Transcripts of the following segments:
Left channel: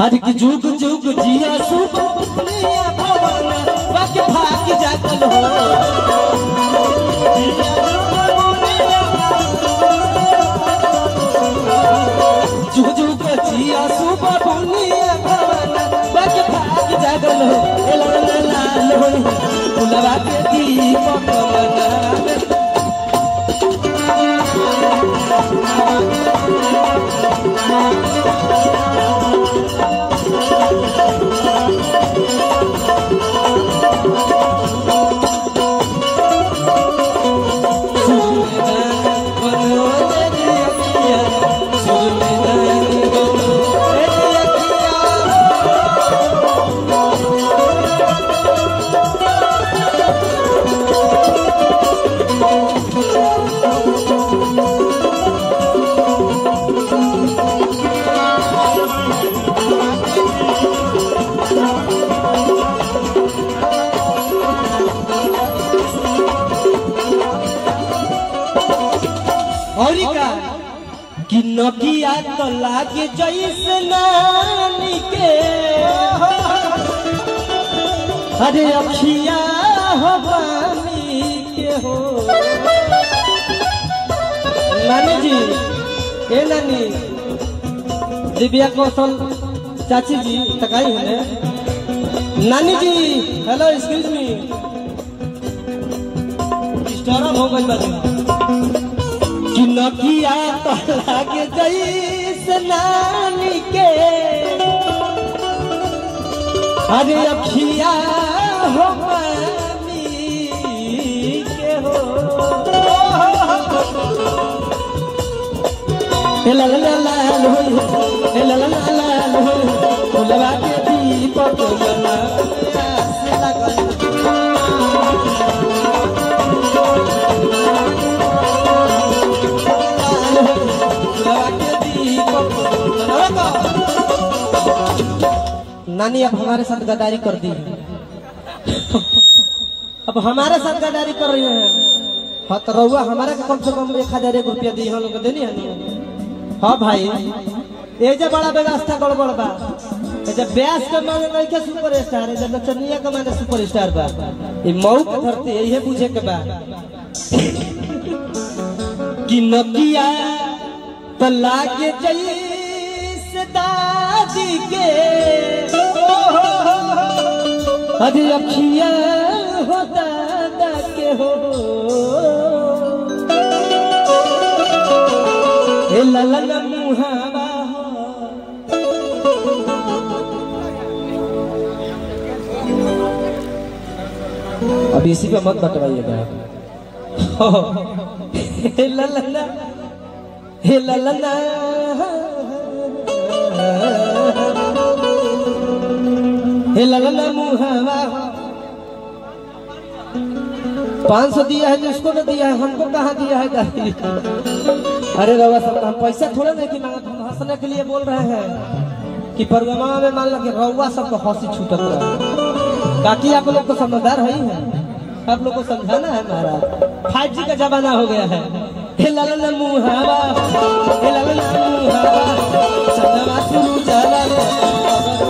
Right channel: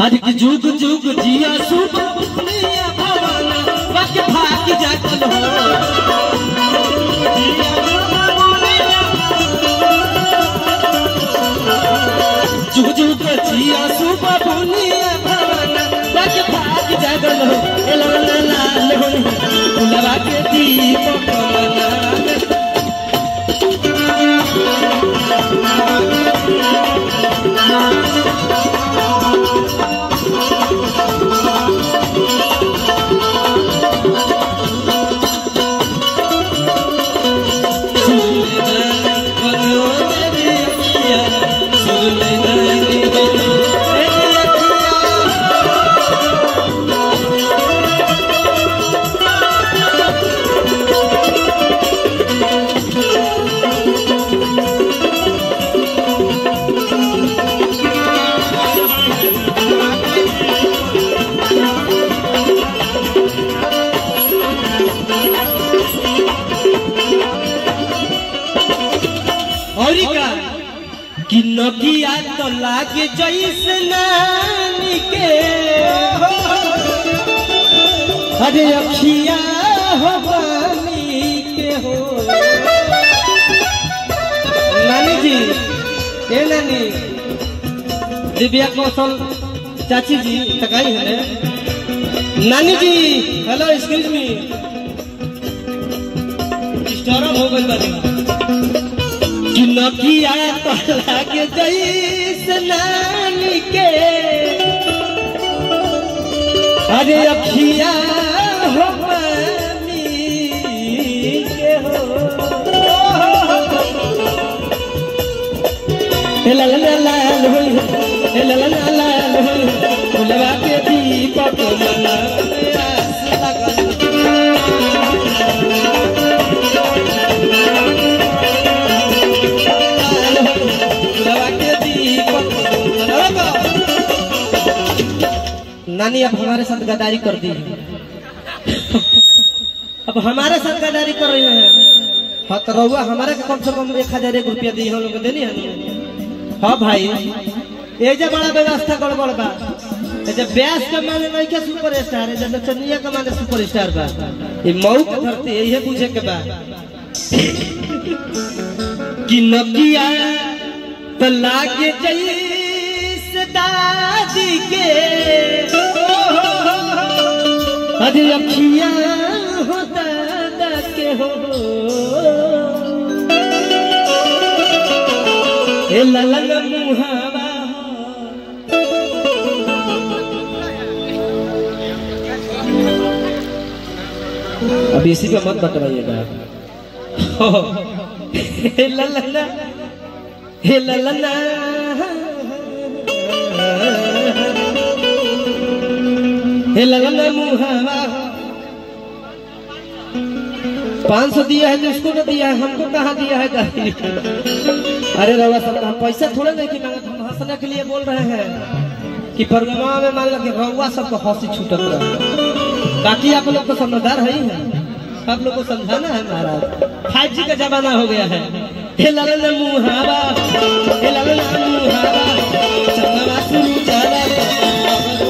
हर की जुग जुग जिया सुख दुनिया भवाना बच भाग जागल हो जुग जुग जिया सुख दुनिया भवाना बच भाग जागल हो लाल हो लगा के दीपक कि नकिया तो लागे जैसे नानी के अरे अखिया हो पानी के हो नानी जी ए नानी दिव्या कौशल चाची जी तकाई है नानी जी हेलो एक्सक्यूज मी डिस्टर्ब हो गई बाजी कि नकिया तो लागे जैसे नानी के अरे अखिया हो पानी के हो ला ला ला ला ला ला ला लगा के दीपक मना नानी अब हमारे साथ गद्दारी कर दी अब हमारे साथ गद्दारी कर रही है। हाँ तो रहुआ हमारा का कम से कम 1001 रुपया दी हम लोग देनी है। हाँ भाई ये जो बड़ा व्यवस्था गड़बड़ बा जब ब्यास के माने नहीं क्या सुपर स्टार है जब नचनिया के माने सुपर स्टार बा ये मऊ के धरती यही पूछे के बा कि नकिया तो लागे जैसे दादी के अरे अखिया हो दादा के हो ए ललंग मुहावा अब इसी पे मत बतवाइएगा हे ललना हे ललना हे ललना मुहावा 500 दिया है तो इसको तो दिया है हमको कहाँ दिया है दादी अरे रवा सब हम पैसा थोड़ा नहीं कि मांगा हम हंसने के लिए बोल रहे हैं कि प्रोग्राम में मान लो कि रवा सबको हंसी छूटत रहा बाकी आप लोग को समझदार है ही है आप लोग को समझाना है हमारा 5G का जमाना हो गया है हे ललना मुहावा हे ललना मुहावा चंदवा शुरू चला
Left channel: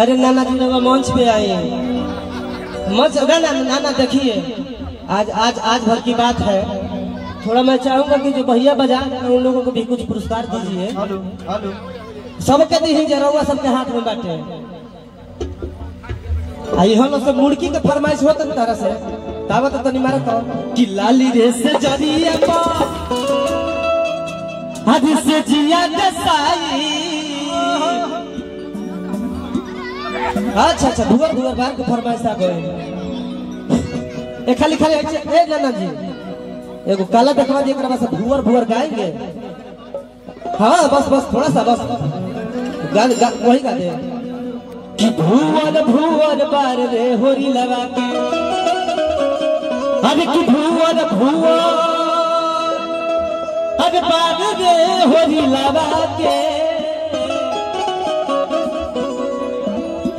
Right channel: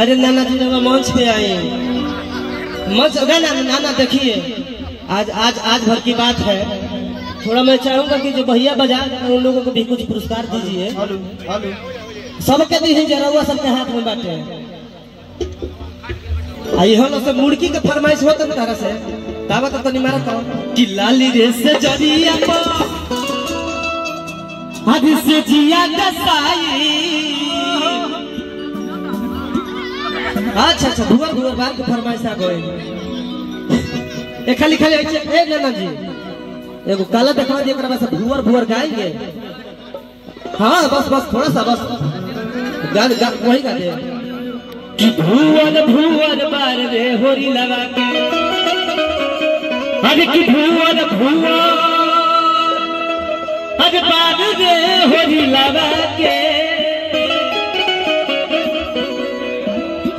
अरे नाना जी लोग मंच पे आए मंच नाना देखिए आज आज आज भर की बात है थोड़ा मैं चाहूंगा कि जो भैया बजा उन लोगों को भी कुछ पुरस्कार दीजिए सबके दी जरा सबके हाथ में बांटे यहाँ से मुर्गी के फरमाइश होता ना तरह से तावत तो नहीं मारा कि लाली रे से जरिया हद से जिया दसाई अच्छा अच्छा भुवर भुवर बार के फरमाइश आ गए। ए खाली खाली ए नाना जी एगो काला देखवा दिए बस भुवर भुवर गाएंगे। हाँ बस बस थोड़ा सा बस वही गा दे कि भुवर भुवर बार रे होरी लगा के। अरे कि भुवर भुवर अरे बार रे होरी लगा के।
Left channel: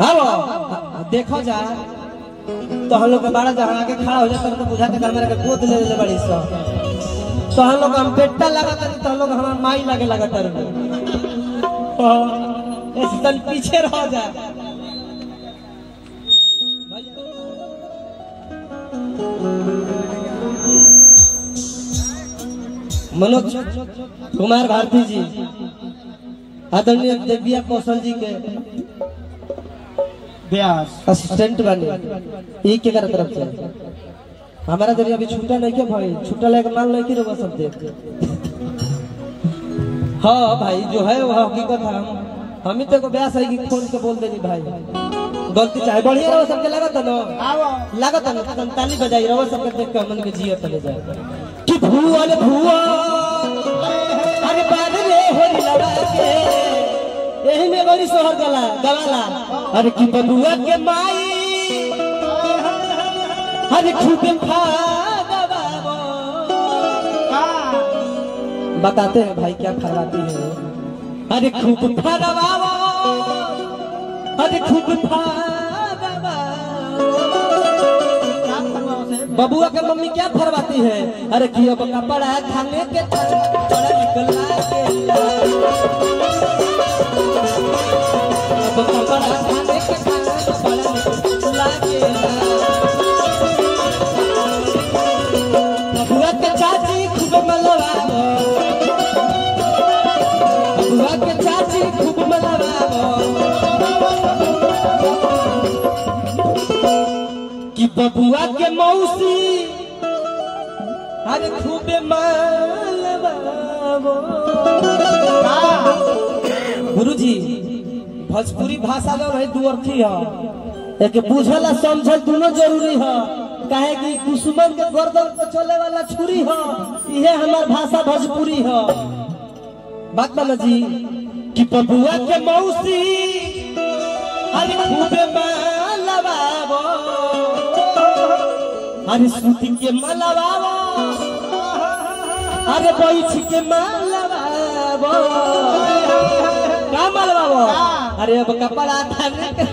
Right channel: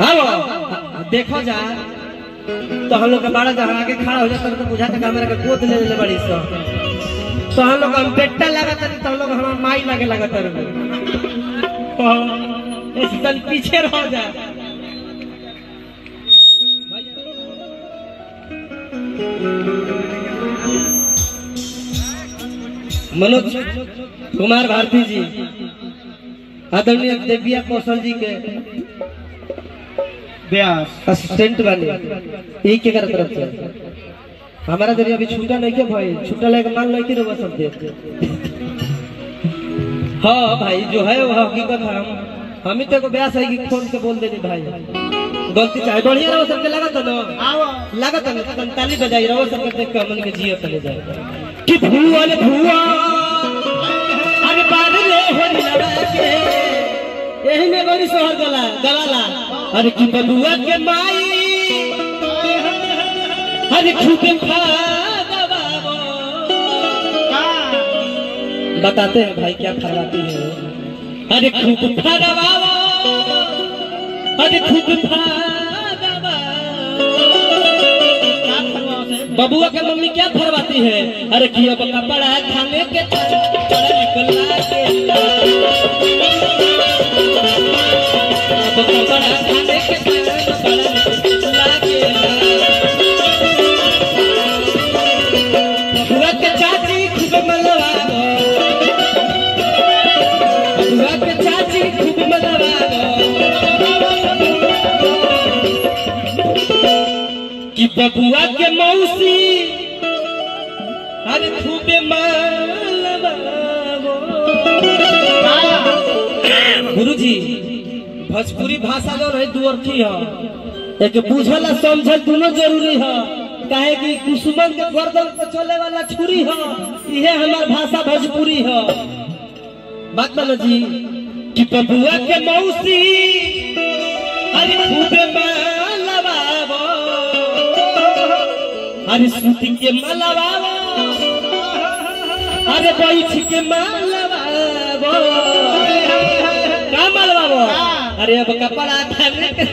हाँ देखो जा तो हम लोग बड़ा जहाँ आगे खड़ा हो जाता तो बुझाता कि हमारे गोद ले ले बड़ी सा तो हम लोग हम बेटा लगाता तो हम लोग हमारा माई लगे लगाता ऐसे पीछे रह जा। मनोज कुमार भारती जी आदरणीय देविया कौशल जी के असिस्टेंट वाले यही के तरफ से हमारा जरिए अभी छूटा नहीं क्या भाई छूटा लेके मान नहीं कि रवा सब दे। हाँ भाई जो है वो हकीकत है। हम ही तेरे को ब्यास है कि फोन से बोल देनी भाई गलती चाहे बढ़िया रहो सबके लगा था ना लगा था ना ताली बजाई रहो सबके देख के मन के जियो चले जाए कि भुआ रे भुआ अरे बार रे होरी लगा के यही में गौरी सोहर गला गलाला। अरे कि बबुआ के माई अरे खूब बताते हैं भाई क्या फरमाती है। अरे खूब फरवावा अरे खूब फरवावा बबुआ के मम्मी क्या फरमाती है। अरे कि अब कपड़ा खाने के निकला के कपड़ा खाने के बबुआ के चाची खूब मलवावो बबुआ के चाची खूब मलवावो कि बबुआ के मौसी अरे खूब मलवावो। गुरुजी भोजपुरी भाषा जो है दू अर्थी है एक बुझल और समझल दोनों जरूरी है काहे कि कुसुमन के गर्दन पे चले वाला छुरी है यह हमार भाषा भोजपुरी है। बात ना जी कि बबुआ के मौसी अरे खूबे मलवावो अरे सूती के मलवावो अरे बैठ के मलवावो का मलवावो। अरे अब कपड़ा खाने के